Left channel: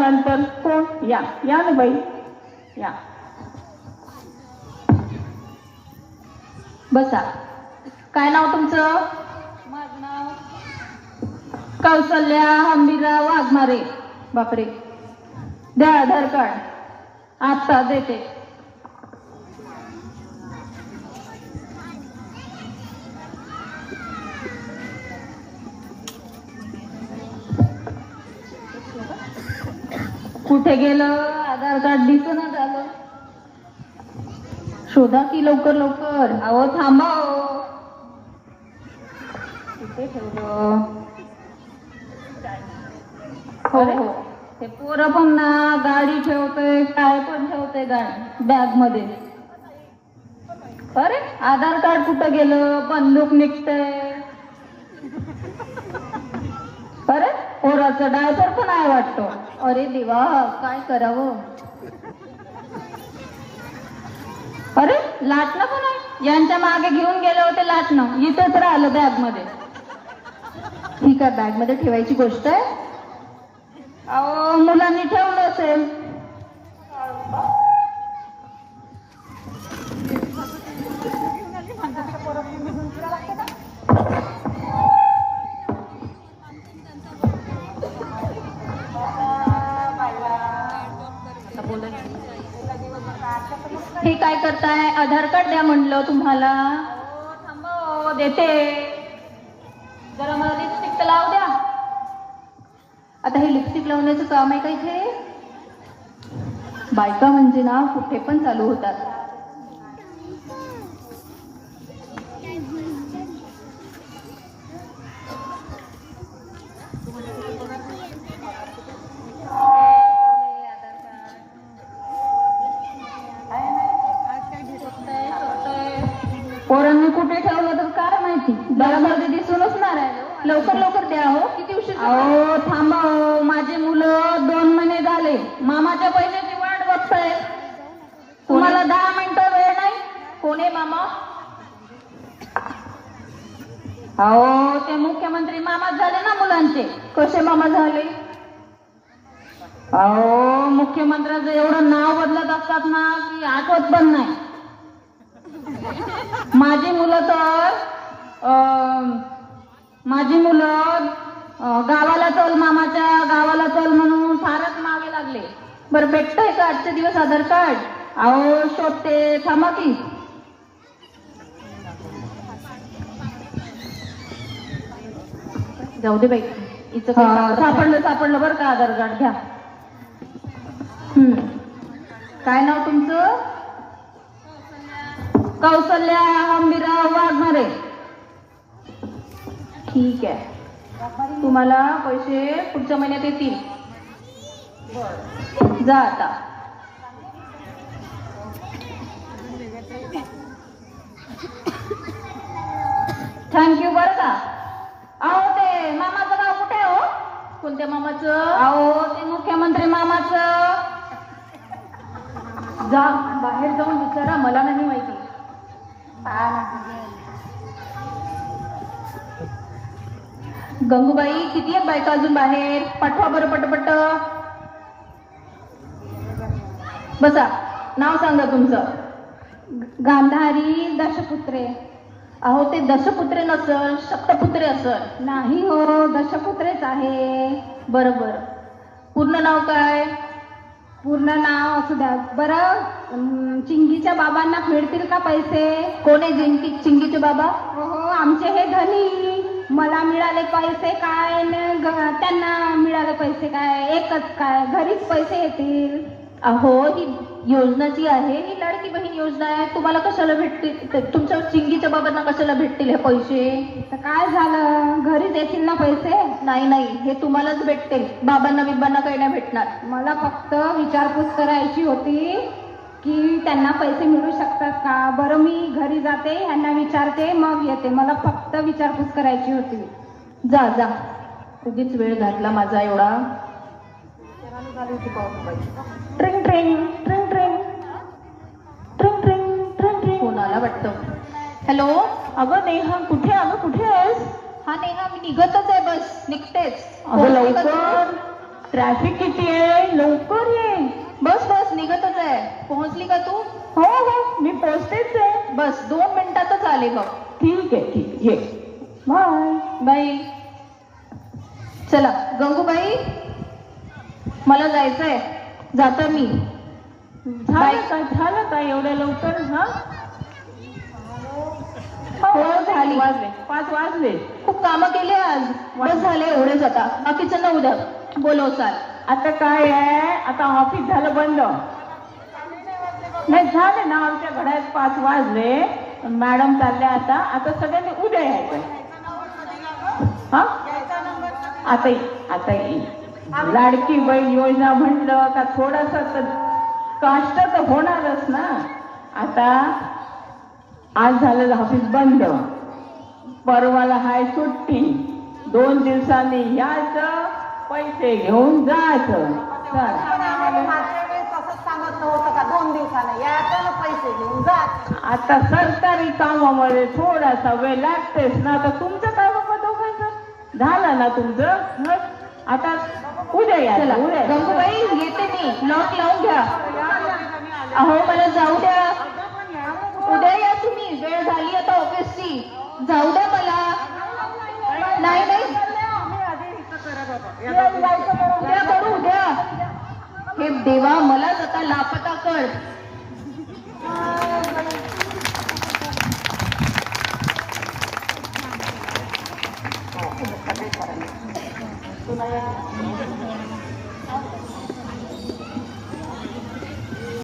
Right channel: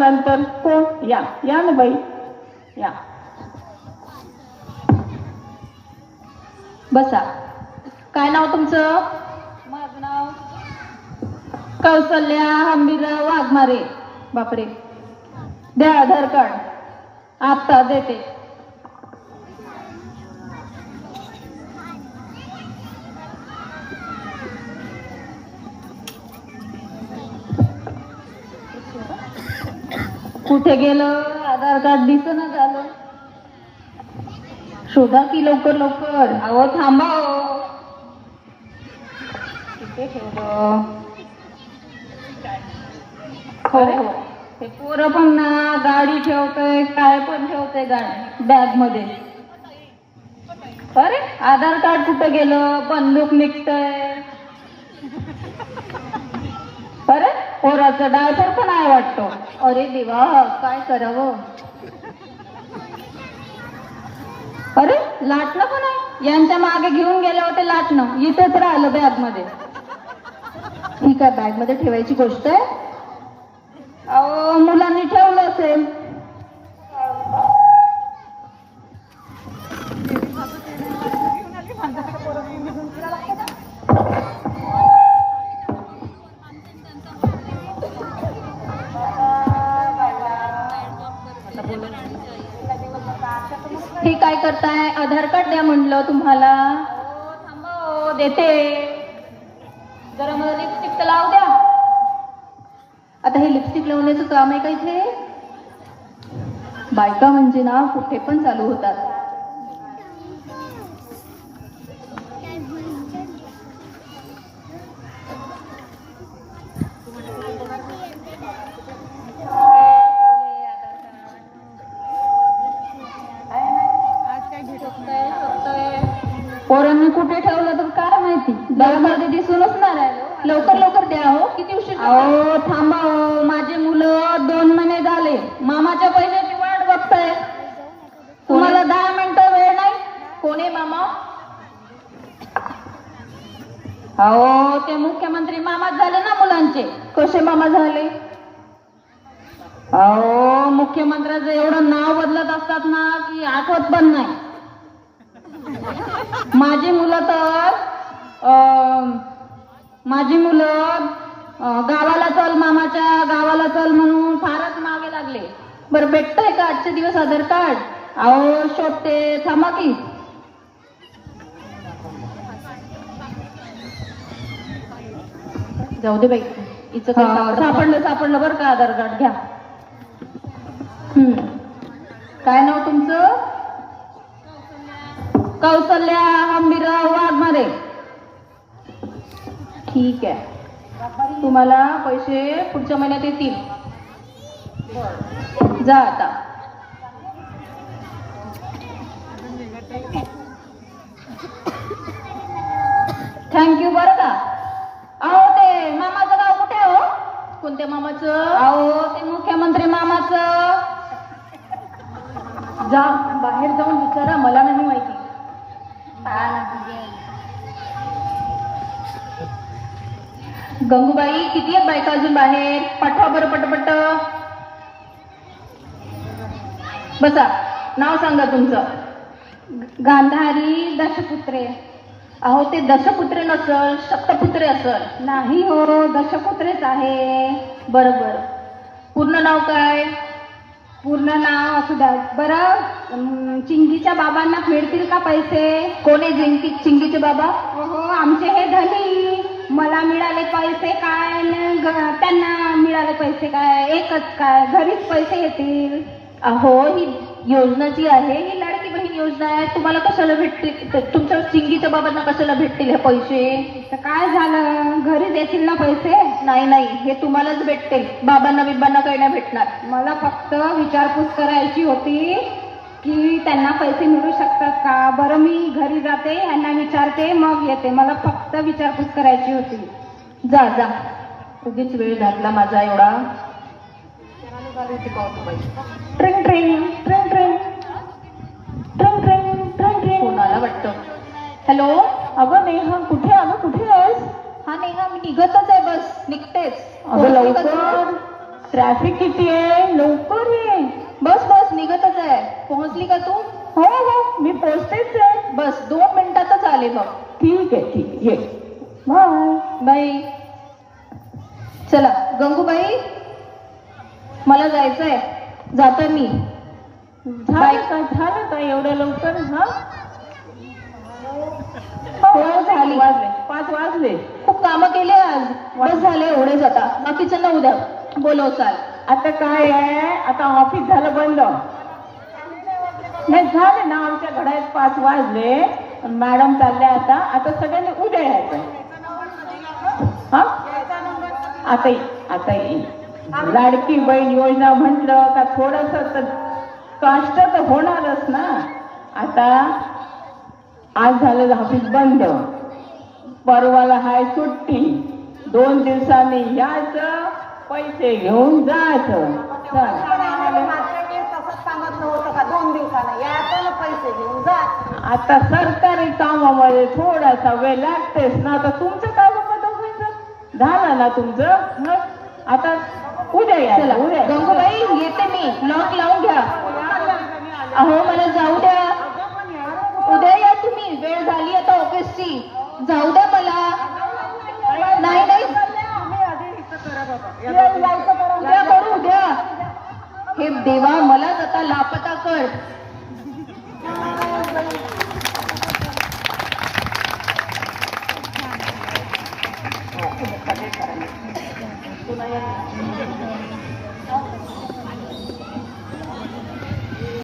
नंतर कोण? या या ना बाई, या बसा. काय नाव तुमचं? माझं नाव कौसल्या हंबीरराव वाघमारे. बापरे, द्या आधार कार्ड. आता देते. कुठे गेलं आधार कार्ड? दिसेना झालं. शोधा की लवकर लवकर. अहो थांबा हो. कुठे ठेवलं? हो अरे, हो. ते पोरं पण ना गाडी ठेवतंय, काय पण ठेवतंय गाडी बॅग मध्ये. अरे आधार कार्ड कुठे गेलं? बंदूक निघतंय. अरे पोराचं डायपर पण आहे वाटतो. अरे देवा, काय करावं? अरे लाटणं पण आहे. यांच्या मागे घेऊन गेले होते लाटणं, इथेच राहिलं बॅग मध्ये. ही काय बॅग मध्ये ठेवायची गोष्ट आहे? अहो मुलांनी ठेवलं असेल. हे काय करताय? आधार कार्ड द्या म्हणलं तुम्हाला. थांबा हो. देते. जरा मला लिपस्टिक तर लावू द्या. आता हे लिपस्टिक लावण्याचं काम आहे का इथे? बायका म्हणजे ना कुठे पण चालू होतात. पोरांनी कुठे ठेवलं तर काय माहिती. बॅगमध्ये दिसूनच नाही राहिलं. लवकर लवकर द्या हो. किती उशीर? अहो थांबा हो. माझे मुलं 2 महिने झाले मामाच्या पैशाची वाट बघताय. तुम्हाला 10 मिनिटं वेळ नाही? कोण आहे मामा? अहो ते मुख्यमंत्री मामाच झाले ना मुलांचे. कसे मामा झाले? अहो मुख्यमंत्र्याचं एवढं नाव बदलत असतात ना की आठवत पण नाही. माझी मुलं गावाला चल, मामाच्या गावाला चल म्हणून फारच मागे लागले. बरं भेटतंय का आजचे दिवस आधार कार्ड? अहो शोधते, थांबा की. जाऊ दे बाई, हिचं सापडलं बरं का आधार कार्ड. घ्या. काय नाव तुमचं? कौसल्या हंबीरराव वाघमारे. ठीक आहे, तुम्हाला पैसे पुढच्या महिन्यात येतील. जा आता. थँक्यू बरं का. अहो ते मामाचं गाव कुठे आहे हो? कोणत्या मामाचं? अहो ते मुख्यमंत्री मामाचं. जा बाहेर जाऊन विचारा, मला नाही माहिती. गंगूबाई, किती आहेत बायका अजून बाहेर? पाठवा बरं पटपट. बसा. नाव सांगा तुमचं. गांधारी दशपुत्रे. अहो ते दशपुत्र नसल, सप्तपुत्रे असल. नाही हो, दशपुत्रेच आहे. बरोबर. पूर्ण नाव काय? पूर्ण नाव असू द्या. बरं, चिंगीच्या बाबांना मिळतील का पैसे? कोण आहे चिंगीचे बाबा? हो, आमचे हे धनी. मला मिळाले पैसे काय न त्यांना मिळाले पैसे काय? एकच काय? घरीच पैसे येतील. अहो ही योजना जी आहे ही लाडकी बहीण योजना आहे. तुम्हाला कशाला भेटतील? तुमच्या चिंगीच्या बाबांना कशाला भेटतील हे पैसे? तर काय झालं, घरीच येतील ना पैसे? नाही नाही, हे तुम्हालाच भेटतील. बाबांना बिबांना काही नाही भेटणार. मला फक्त विचारपूस करायची होती की त्यांना पैसे मिळू शकतात का. बरं, मी घरी जाते, यांना विचारते, मग येते. मला फक्त विचारपूस करायची होती. जा जा, उगीच वेळ घातला माझा एवढा. ट्रिंग ट्रिंग ट्रिंग ट्रिंग ट्रिंग ट्रिंग ट्रिंग ट्रिंग. कोणाला वाटतं? हॅलो. अगं नेहा, कुठे? अगं कुठे आहेस? हा नेहा, मी निघतच आहे, बस निघतेच. अगं लवकर. ट्रॅफिक किती आहे, लवकर ये. बस बस निघतच आहे. पोहोचली का तू? हो हो, मी पोचतेच आहे. बस 2 मिनिटातच आले बघ. ठीक आहे, ठीक, ये. बाय. बाई चला गंगूबाई, मला जायचंय, जाते मी. झालं का एवढ्या लवकर? हा हो झाली. 5 वाजले. खूप कामं केले आज. बस झाले एवढेच, आता बाकीच्यांना उद्या बोलव चाल. आता काय आहे, आता ऑफिस झालं बंद. नाही झाले ना, आमच्या घरात 5 वाजले. मॅडम चालले आता. आता सगळ्यांनी उद्या यायचं. हा आता लाडकी बहीण योजना म्हटलं का थोडस कष्ट तर होणारच ना. आता आज झालेलं ऑफिस बंद, परवाला हाय सुट्टी. 2 दिवसांनी यायचं, पैसे घेऊन जायचं. आता सरकारी कामामध्ये थोडासा वेळ लागतेच ना. आता तुमचं काय बाबा दोघांचं झालं ना तुमचं. आता उद्या चला या. गंगूबाई येते मी. लॉक लावून घ्या. अहो मला जाऊ द्या. उद्या या तुम्ही. वेळ झाली आता ऑफिसची. जाऊ द्या मला. नाही नाही उद्या करू उद्या. हे देवा मलाच आता लापता कर.